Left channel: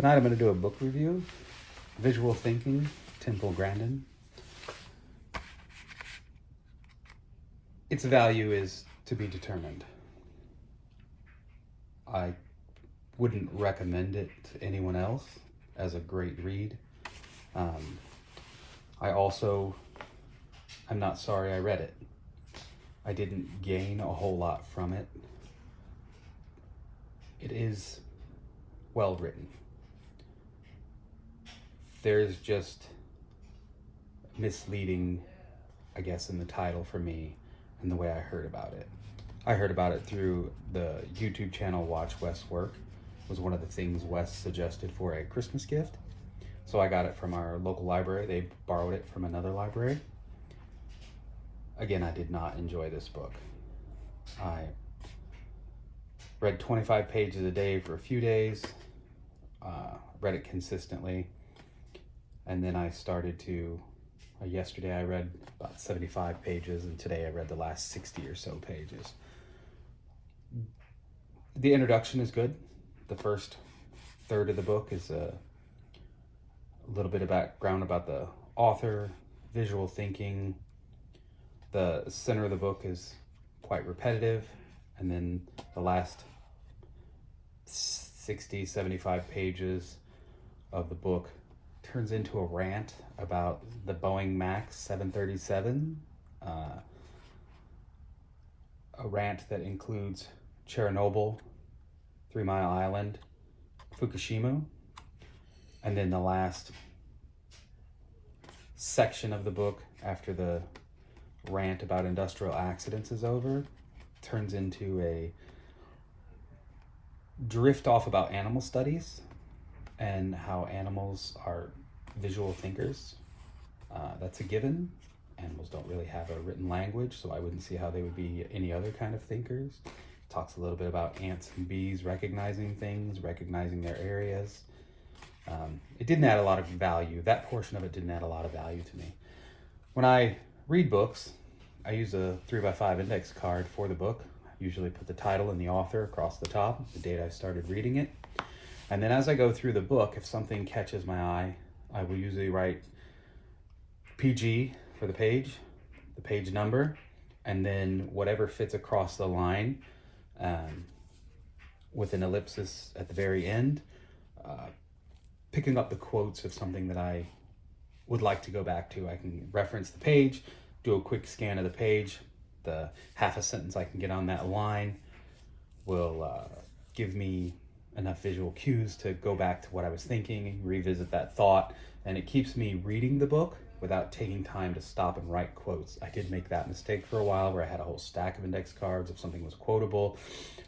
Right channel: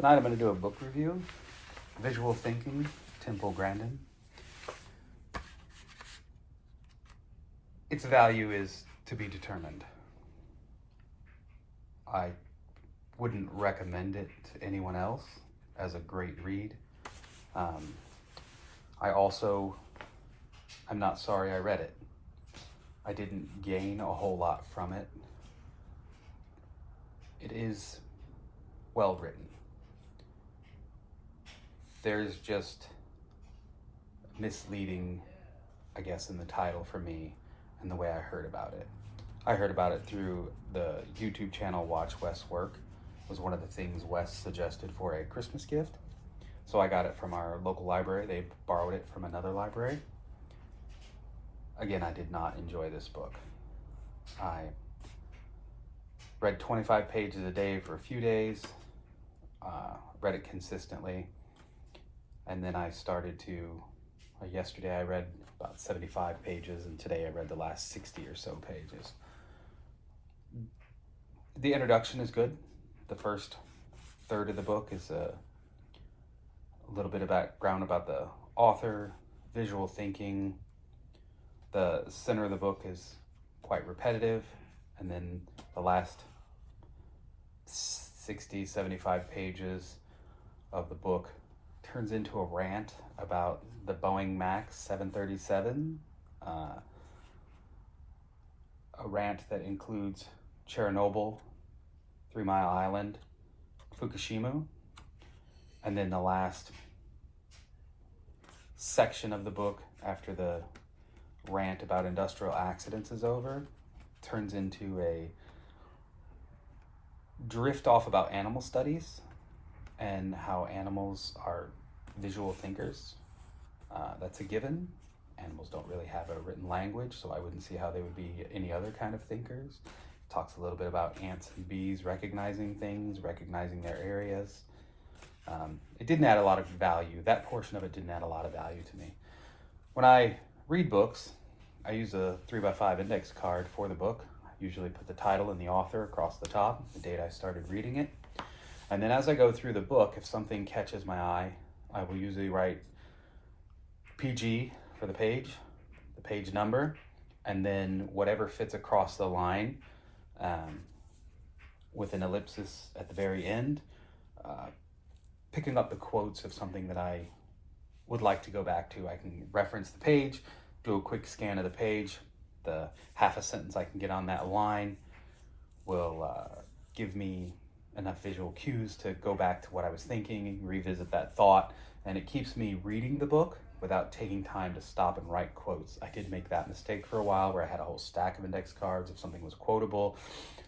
Tonight I'm going to do a book review, Visual Thinking, Grandin. Its value is to be determined. I wouldn't recommend it to anyone else as a great read. I'm not sorry I read it. I didn't gain a whole lot from it. It is well written. There's just misleading, I guess, in the title for me and the way I heard about it. I heard about it through the YouTube channel Watch Wes Work. It was one of the things Wes suggested for a Christmas gift. So I got it from our local library. They borrowed it from another library. Again, I did not enjoy this book. I read 25 pages a day for a few days, read it consistently, and then I started to, yesterday I read about 75 pages, and today I read the last 60 or so pages. The introduction is good. The first third of the book is a little bit of background about the author, visual thinking. The center of the book is quite repetitive, and then the last 60, 75 pages of the book turns into a rant about the Boeing Max 737, a rant that includes Chernobyl, 3 Mile Island, Fukushima, and then the last section of the book after the rant about industrial accidents is over turns into a drift off about animal studies and how animals are visual thinkers. That's a given. Animals don't really have a written language, so I wouldn't see how they would be any other kind of thinkers. Talks a little bit about ants and bees recognizing things, recognizing their areas. It didn't add a lot of value. That portion of it didn't add a lot of value to me. When I read books, I use a 3x5 index card for the book. I usually put the title and the author across the top, the date I started reading it. And then as I go through the book, if something catches my eye, I will usually write PG for the page number, and then whatever fits across the line with an ellipsis at the very end, picking up the quotes of something that I would like to go back to. I can reference the page, do a quick scan of the page. The half a sentence I can get on that line will give me enough visual cues to go back to what I was thinking and revisit that thought, and it keeps me reading the book without taking time to stop and write quotes. I did make that mistake for a while where I had a whole stack of index cards if something was quotable,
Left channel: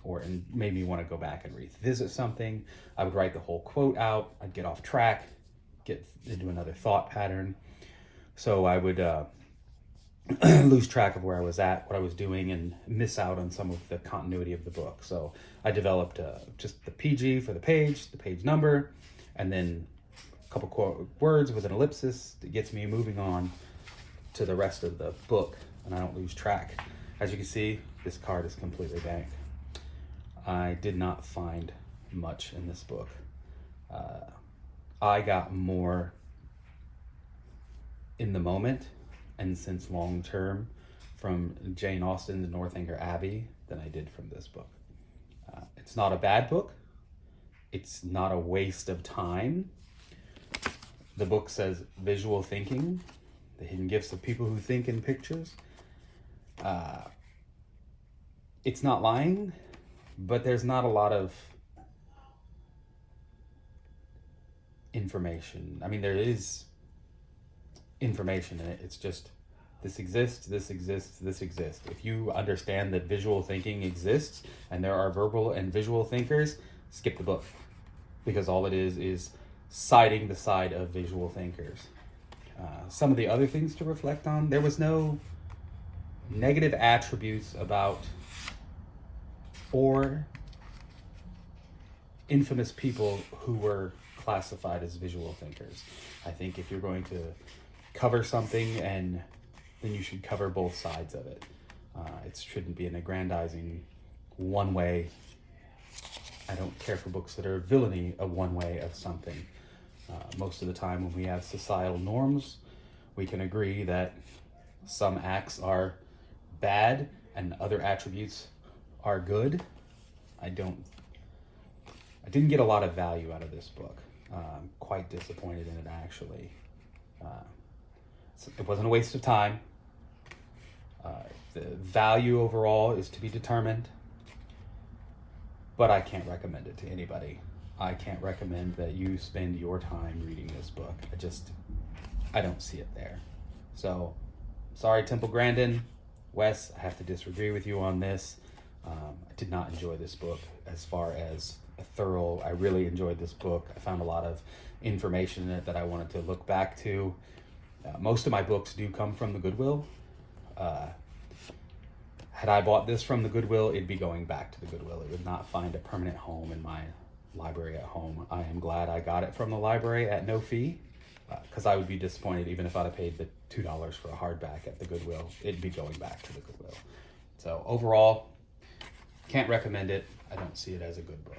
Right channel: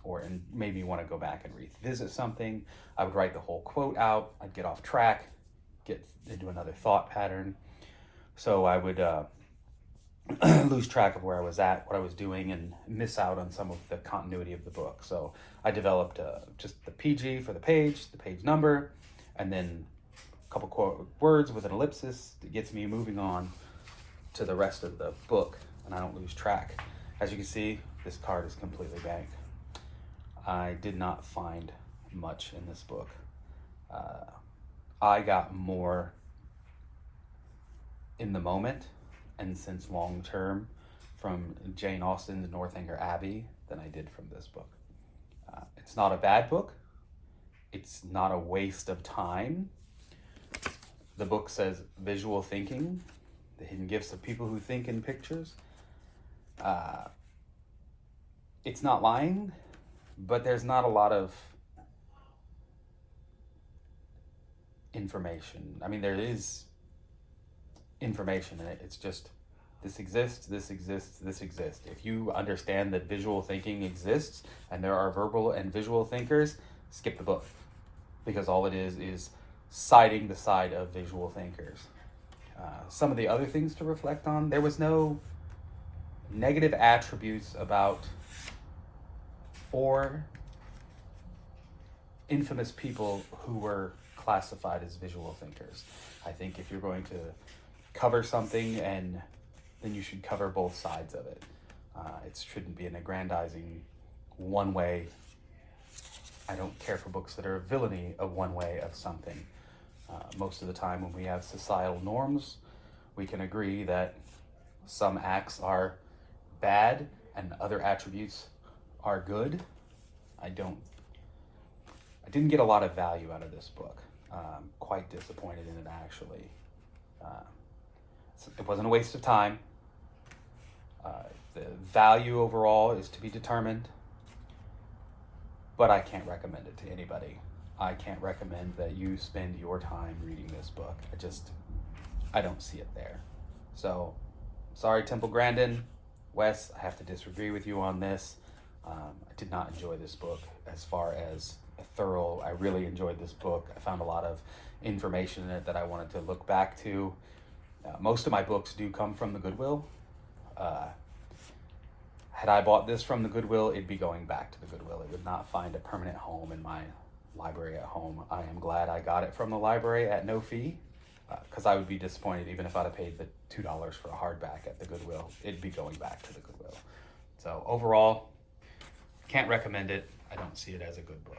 and maybe you want to go back and revisit something. I would write the whole quote out, I'd get off track, get into another thought pattern. So I would lose track of where I was at, what I was doing, and miss out on some of the continuity of the book. So I developed just the PG for the page number, and then a couple quote words with an ellipsis that gets me moving on to the rest of the book, and I don't lose track. As you can see, this card is completely blank. I did not find much in this book. I got more in the moment and since long term from Jane Austen's Northanger Abbey than I did from this book. It's not a bad book. It's not a waste of time. The book says visual thinking, the hidden gifts of people who think in pictures. It's not lying, but there's not a lot of information. I mean, there is information in it. It's just this exists, this exists, this exists. If you understand that visual thinking exists and there are verbal and visual thinkers, skip the book, because all it is citing the side of visual thinkers. Some of the other things to reflect on, there was no negative attributes about 4 infamous people who were classified as visual thinkers. I think if you're going to cover something, and then you should cover both sides of it. It shouldn't be an aggrandizing one way. I don't care for books that are villainy of one way of something. Most of the time when we have societal norms, we can agree that some acts are bad and other attributes are good. I didn't get a lot of value out of this book. I'm quite disappointed in it, actually. It wasn't a waste of time. The value overall is to be determined, but I can't recommend it to anybody. I can't recommend that you spend your time reading this book. I don't see it there. So, sorry, Temple Grandin. Wes, I have to disagree with you on this. I did not enjoy this book as far as thorough. I really enjoyed this book. I found a lot of information in it that I wanted to look back to. Most of my books do come from the Goodwill. Had I bought this from the Goodwill, it'd be going back to the Goodwill. It would not find a permanent home in my library at home. I am glad I got it from the library at no fee, because I would be disappointed even if I'd have paid the $2 for a hardback at the Goodwill. It'd be going back to the Goodwill. So overall, can't recommend it. I don't see it as a good book.